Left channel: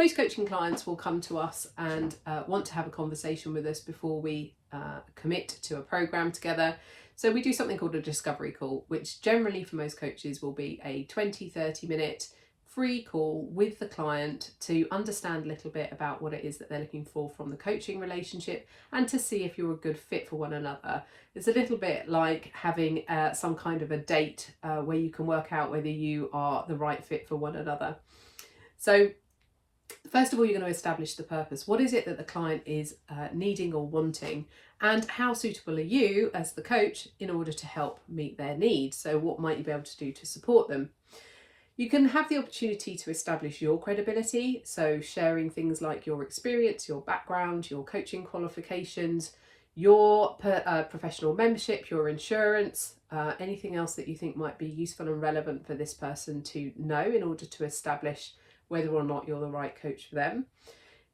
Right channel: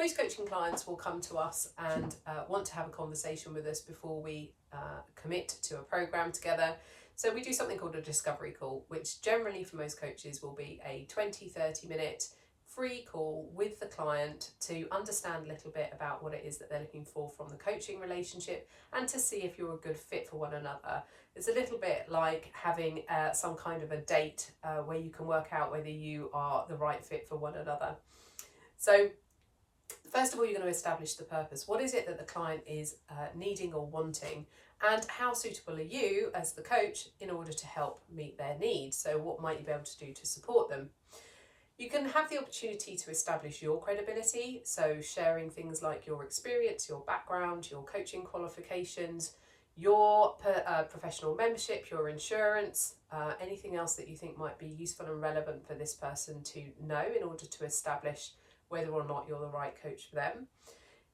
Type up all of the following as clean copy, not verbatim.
Most coaching clients will come to us and want to have a conversation with us before we commit to a program together. So we do something called a discovery call, which generally for most coaches will be a 20-30 minute free call with the client to understand a little bit about what it is that they're looking for from the coaching relationship and to see if you're a good fit for one another. It's a little bit like having some kind of a date where you can work out whether you are the right fit for one another. So first of all, you're going to establish the purpose. What is it that the client is needing or wanting? And how suitable are you as the coach in order to help meet their needs? So what might you be able to do to support them? You can have the opportunity to establish your credibility, so sharing things like your experience, your background, your coaching qualifications, your professional membership, your insurance, anything else that you think might be useful and relevant for this person to know in order to establish whether or not you're the right coach for them.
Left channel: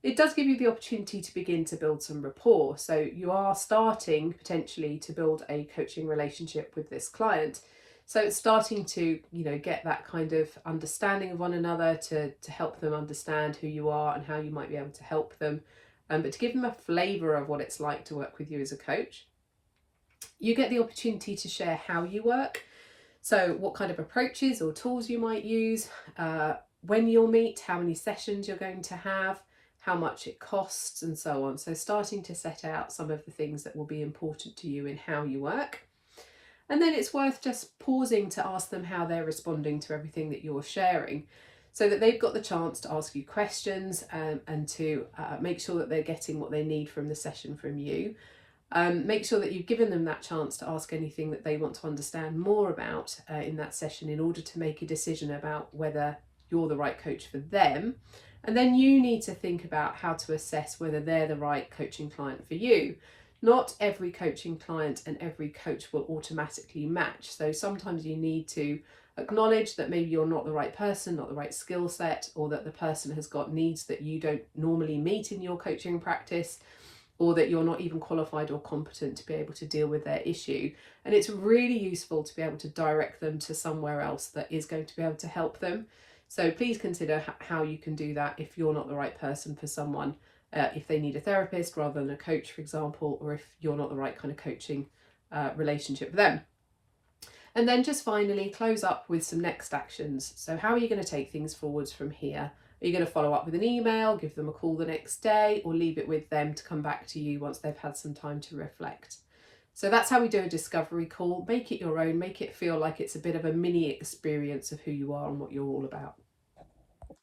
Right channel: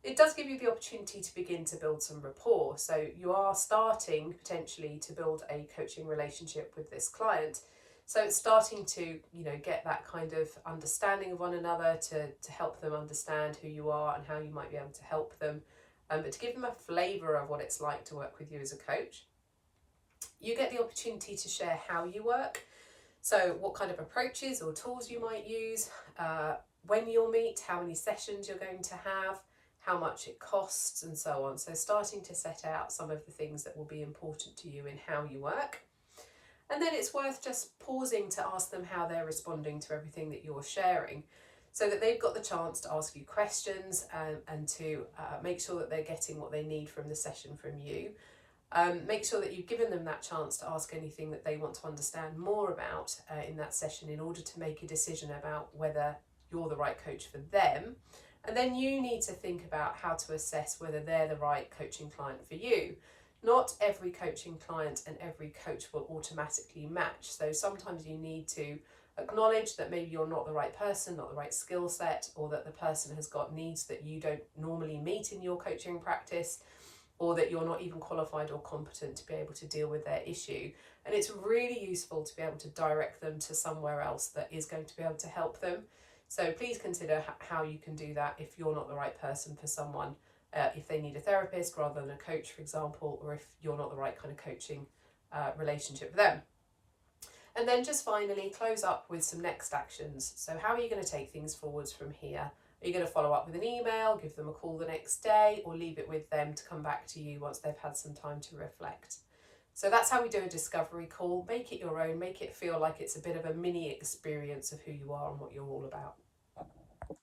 It does give you the opportunity to begin to build some rapport. So you are starting potentially to build a coaching relationship with this client. So it's starting to, get that kind of understanding of one another to help them understand who you are and how you might be able to help them. But to give them a flavour of what it's like to work with you as a coach. You get the opportunity to share how you work. So what kind of approaches or tools you might use, when you'll meet, how many sessions you're going to have, how much it costs, and so on. So starting to set out some of the things that will be important to you in how you work. And then it's worth just pausing to ask them how they're responding to everything that you're sharing, so that they've got the chance to ask you questions and to make sure that they're getting what they need from the session from you. Make sure that you've given them that chance to ask anything that they want to understand more about in that session in order to make a decision about whether you're the right coach for them. And then you need to think about how to assess whether they're the right coaching client for you. Not every coaching client and every coach will automatically match. So sometimes you need to acknowledge that maybe you're not the right person, not the right skill set, or that the person has got needs that you don't normally meet in your coaching practice, or that you're not even qualified or competent to be able to deal with their issue. And it's really useful to be able to direct them to somewhere else that is going to be able to help them. So please consider how you can do that if you're not the right person for someone, if they need a therapist rather than a coach, for example, or if you're not the right kind of coaching relationship for them. And then just finally close up with some next actions. So how are you going to take things forwards from here? Are you going to follow up with an email, give them a call the next day, or leave it with them to come back to you once they've had some time to reflect? So that's how we do a discovery call. Make it your own, make it feel like it's a bit of a mini experience of who you are and what you're all about.